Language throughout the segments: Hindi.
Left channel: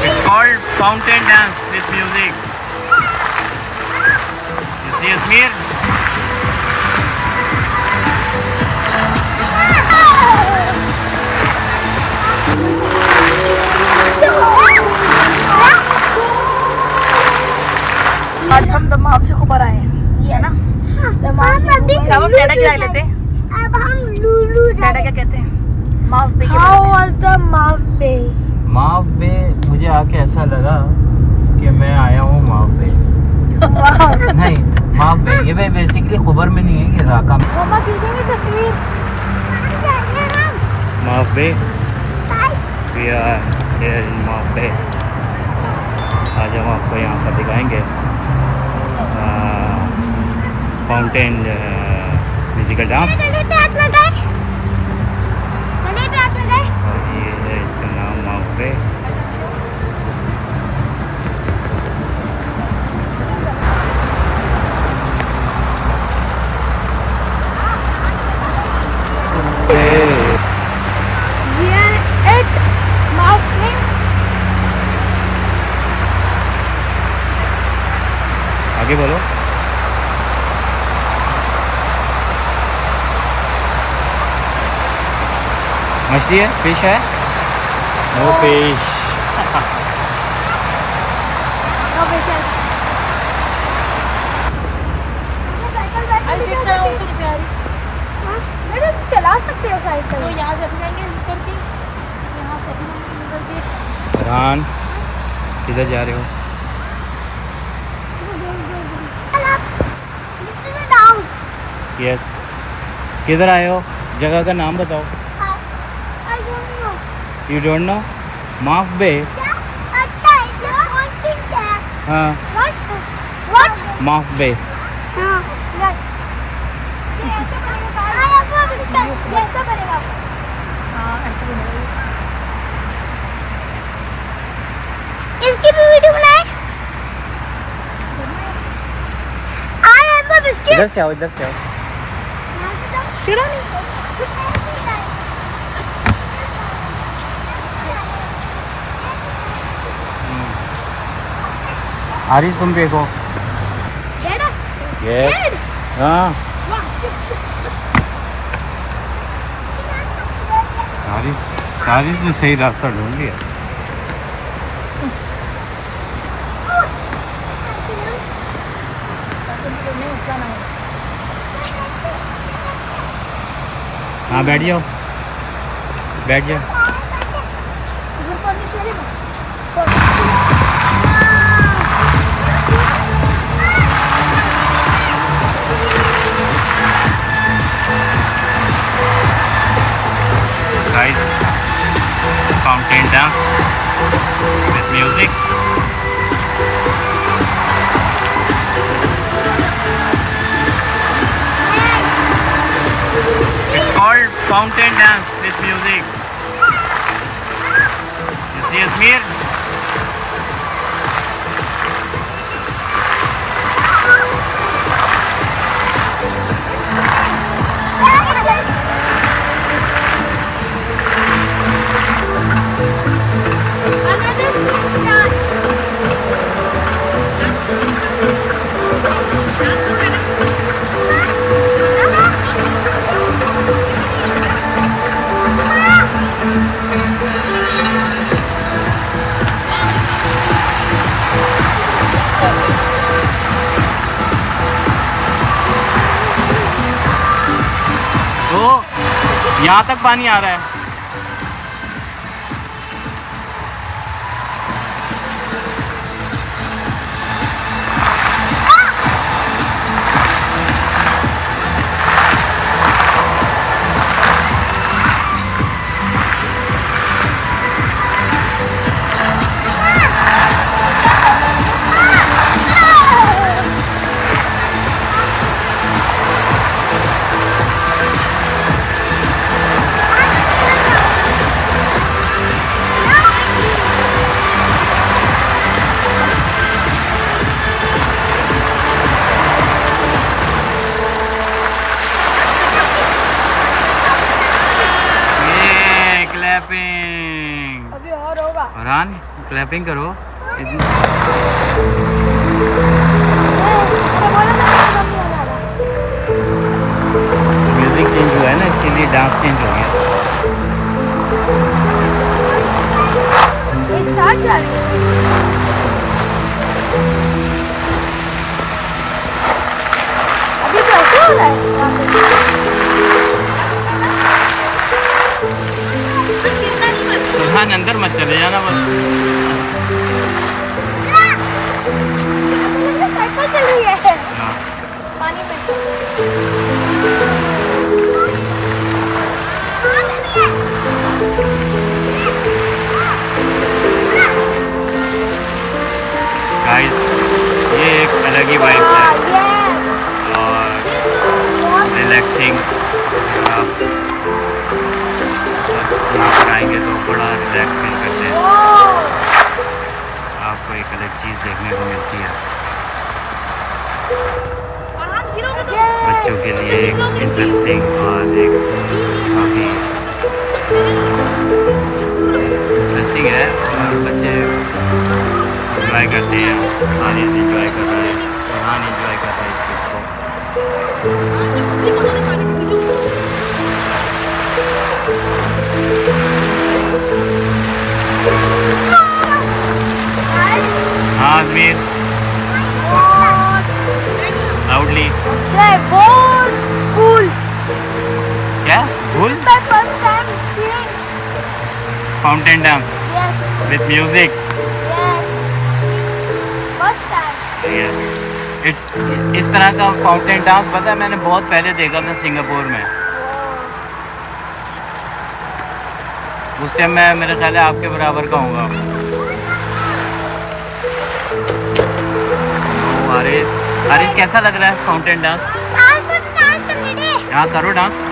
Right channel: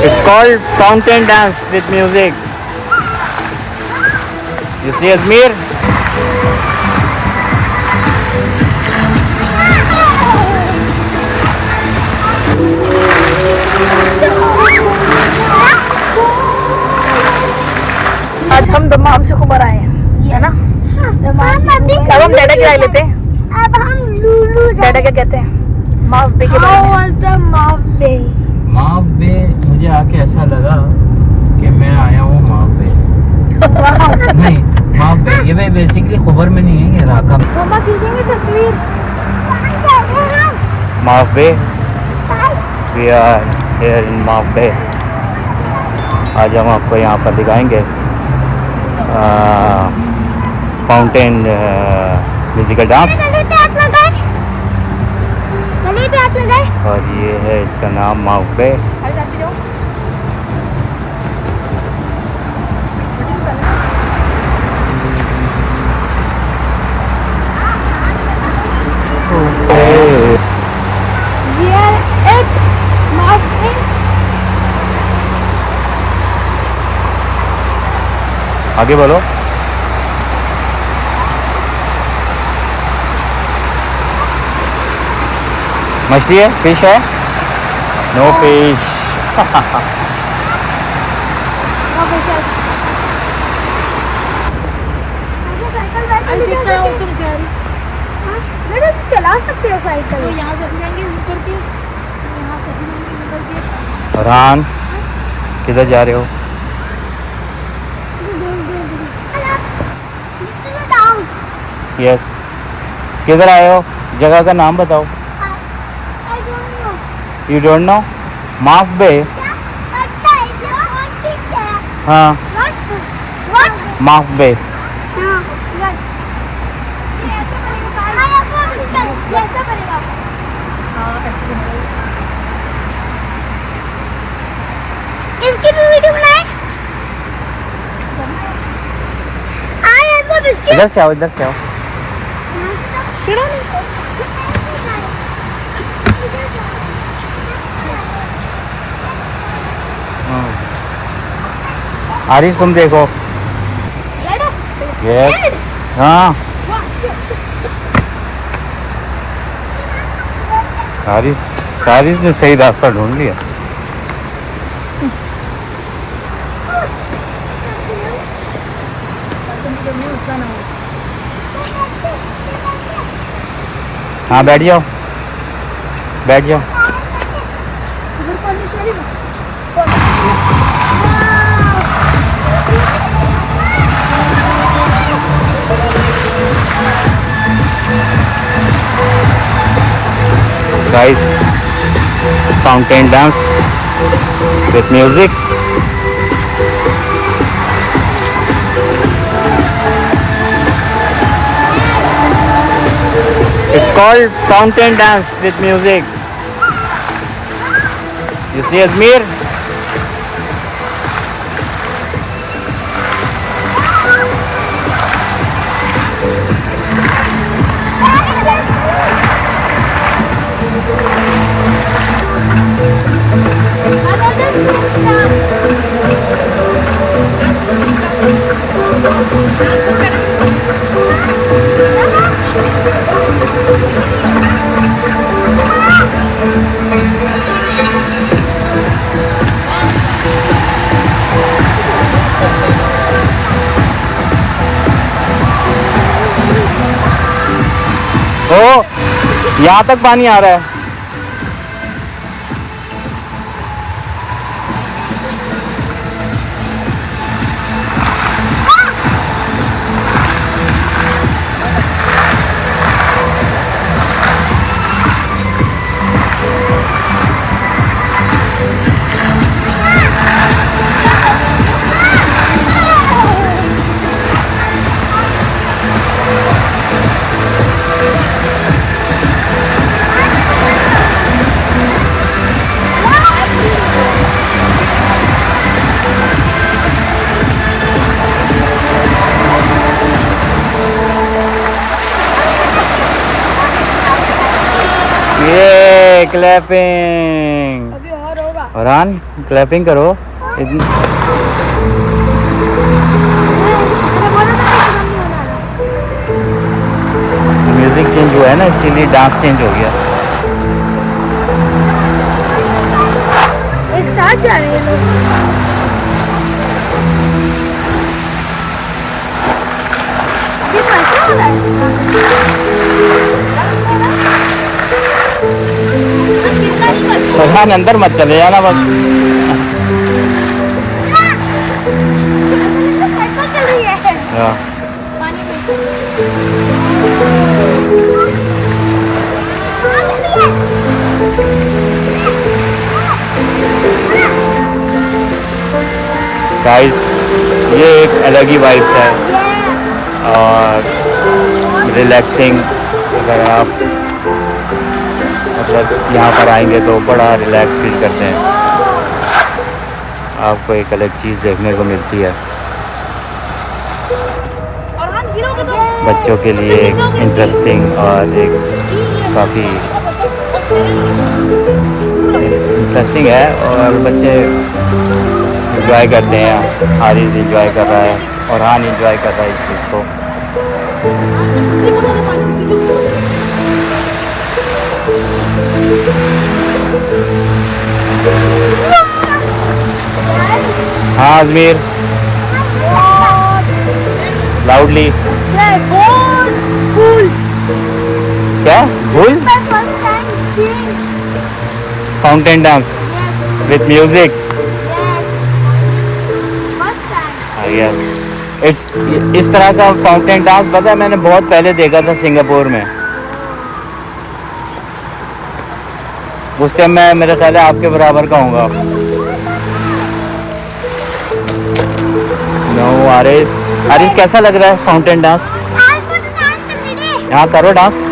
It's called fountain dance with music. You see Azmir? आज हम दमाम से खुबर आए हैं, है ना? अब हम डैडा क्या लेते हैं? अब हम लूलू डैडा क्या कहते हैं? माफ बे के बारे में। माफ बे मुझे आके ऐसा लगा कि मैं आया हूँ माफ बे। नहीं माफ बे, ये भाई बेसिकली खबर में नहीं है, ये राका में। मम्मा खींचेंगे तस्वीर। माफ बे, वी आर हियर इन माफ बे। आज हम आपको यहाँ पर दिखाएंगे फाउंटेन म्यूजिकल डांस, और ये है इसका नाम माफ बे। आगे बोलो। मछली है, फिश है? No fish. चला सकते हैं साइकिल। तो यहाँ से भी जाएंगे ऊपर की, यहाँ से भी जाएंगे ऊपर की। फरहान किधर जा रहे हो? यस, किधर आए हो? जगह का नाम बताओ। You don't know? माफ बे। हाँ, माफ बे। इसकी भी वीडियो बनाए। आए सब इसके। इधर से आओ, इधर से आओ। आरिश तुम देखो। यस, हाँ। आरिश ने सही रास्ता ढूंढ लिया। हाँ बैठ जाओ, बैठ जाओ। Guys, fountain dance with music. It's called fountain dance with music. You see Azmir? ओ, यहाँ तक पानी आ रहा है। ये क्लैपिंग। अभी और होगा। फरहान क्लैपिंग करो। म्यूजिक चेंज हुआ है ना, इसीलिए डांस चेंज हो गया। एक साथ जा रहे हैं लोग। अभी तो ऐसा हो रहा है। फरहान अंदर मत चले जाना बस। हाँ। गाइस ये एक अलग ही वाइब्स है और रिलैक्सिंग। अगर आप मतलब यहाँ पर आएंगे तो बड़ा रिलैक्स फील करते हैं। आपको एक अलग चीज़ देखने को मिलती है। बच्चों के लिए एक इंटरेस्टिंग और एक काफ़ी इंटरेस्टिंग है और बच्चे इंजॉय करते हैं। हारिस इंजॉय कर रहा है और हान इंजॉय कर रहा है इस चीज़ को। हाँ अजमीर लाउडली। क्या भूल? Fountain dance with music. Yes it's इस तरह का फाउंटेन डांस पता है मैंने बहुत पहले देखा था सिंगापुर में। उस टाइम मैं मेरे ख्याल है आपके बराबर का होगा। नो हारिस, हारिस कैसा लग रहा है फाउंटेन डांस? यहाँ करो dance.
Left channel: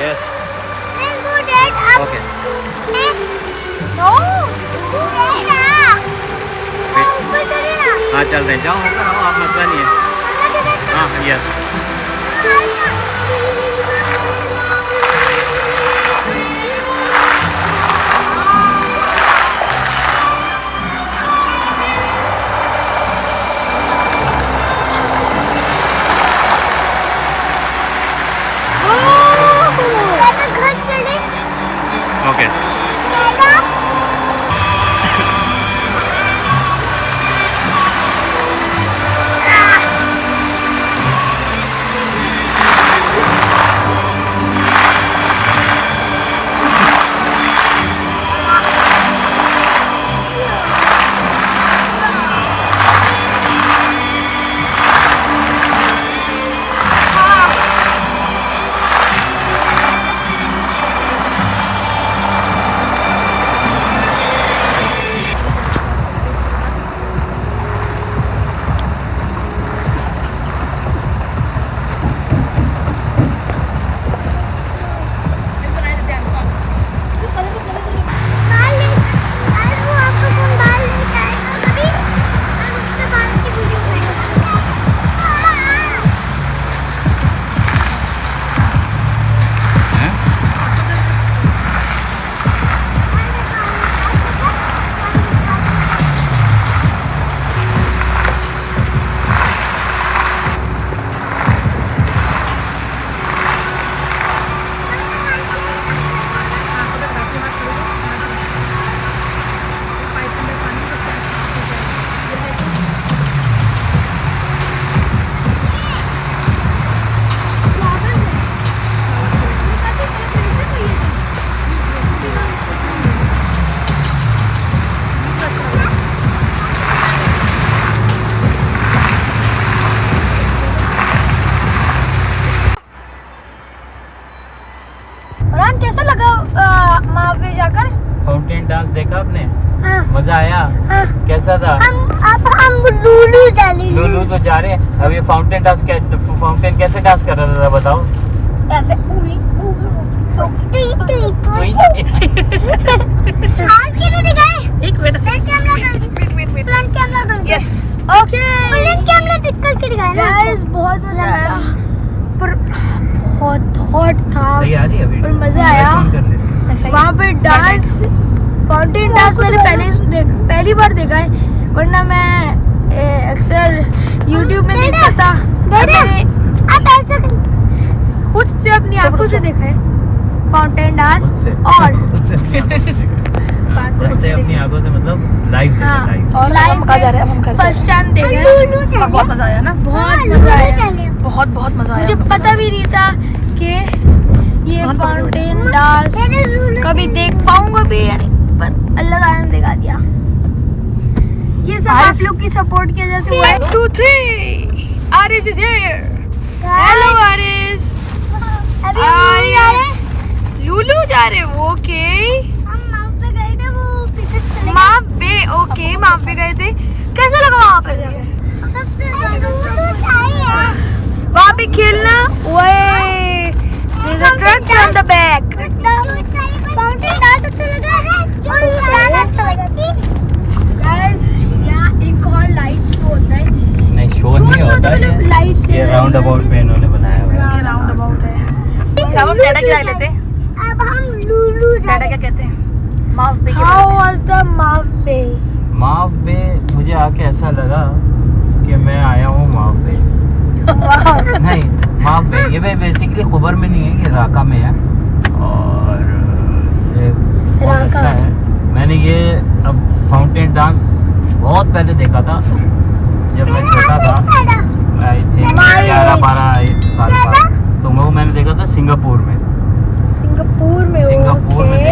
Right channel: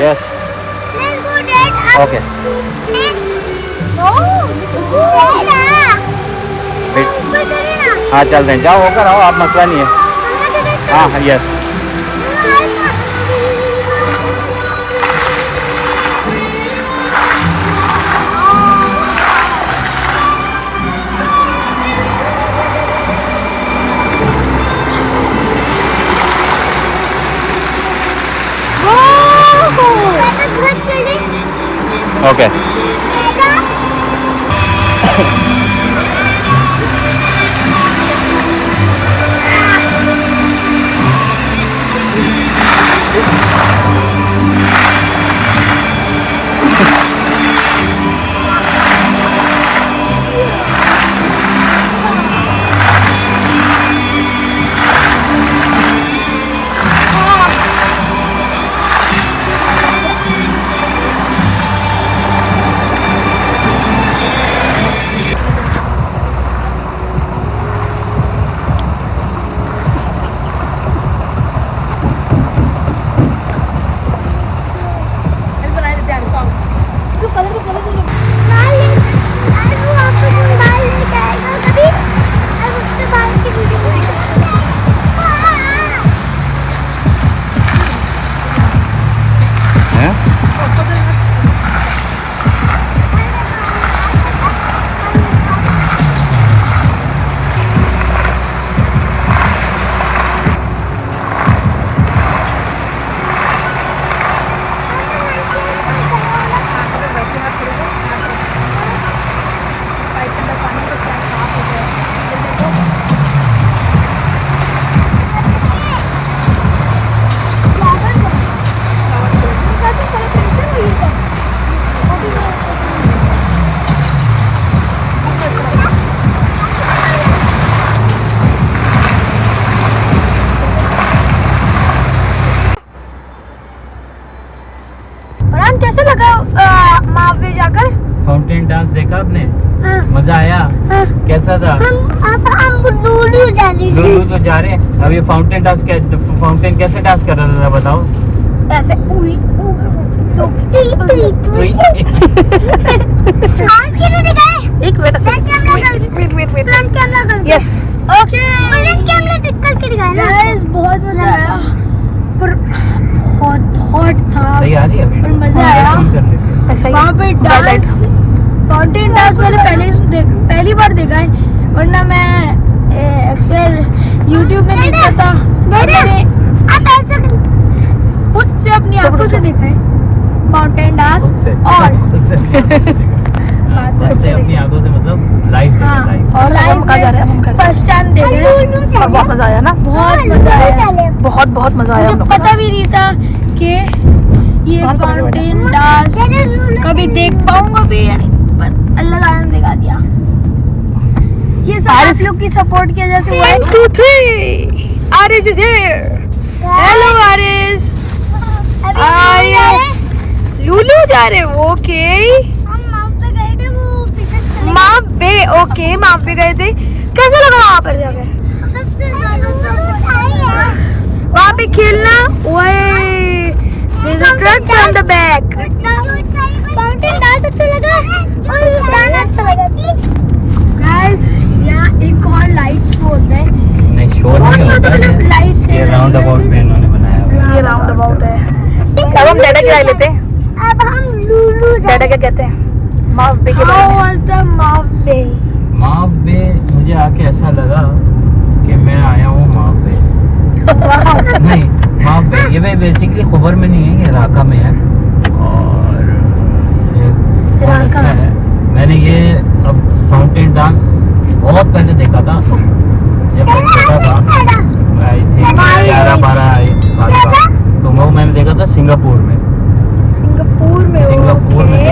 Yes. Let's go, Dad. Okay. No. ऊपर चलिए ना। हाँ चल रहे हैं, जाओ होकर आओ, आप मसला नहीं है। हाँ यस। ओके फरहान कैसा लगा वहाँ पे जाकर? फाउंटेन डांस देखा आपने? हाँ, मजा आया? हाँ। कैसा था? हम लूलू डाली लुलु तो जा रहे हैं अभी। फाउंटेन कैसे डांस कर रहा था बताओ? ऐसे उई उई। और किधर दिखाए? एक मिनट से वेट यस ओके कैमरा निकल के दिखाए ना। गाइस बहुत मजा आया पर बहुत हॉट था सही आ रही है अभी? और मजा आया। ऐसा वहाँ पे डांस फाउंटेन डांस मैंने पहली बार देखा है, वरना मैं अक्सर YouTube में देखता था। मैंने आप ऐसे खुद से अपनी आंखों से देखा है फाउंटेन डांस और अपनी आंखों से मतलब लाइव और फर्स्ट टाइम देखा है और बहुत मजा आया ना। बहुत मजा आया, बहुत मजा आया। मुझे पता भी नहीं था कि ये फाउंटेन डांस कभी देख पाऊंगा भी, पर अल्लाह ताला ने दिखा दिया। ये सब आप लोग की सपोर्ट की वजह से हुआ। 1 2 3 Aaris is here. Hello Aaris. लुलु जा रहे हो? ओके हम माउंट पे गए थे, वो पीछे चले माँ पे ओके माँ पे गए थे। कैसा लगा वहाँ पर जाकर? सबसे ज्यादा तो आई है वहाँ पे खेलना? There's a truck from the back. Fountain dance अच्छा लगा और गाना अच्छा लगा। Guys, यहाँ एक और लाइट शो होता है। नहीं शोर नहीं होता है। लाइट से ये राउंड अबाउट पे इन्होंने बनाया हुआ है। ये राउंड अबाउट है। अब हम डाटा गिरा लेते हैं। अब हम लूलू डाटा क्या कहते हैं? माफ बे के बारे में। माफ बे माव बे मुझे आके ऐसा लगा कि मैं आया हूँ माव बे। नहीं माव बे ये भाई बेसिकली खुबर में नहीं है, ये राका में है और ये बहुत अच्छा है। मैंने ये अब फाउंटेन डांस बहुत पहले देखा था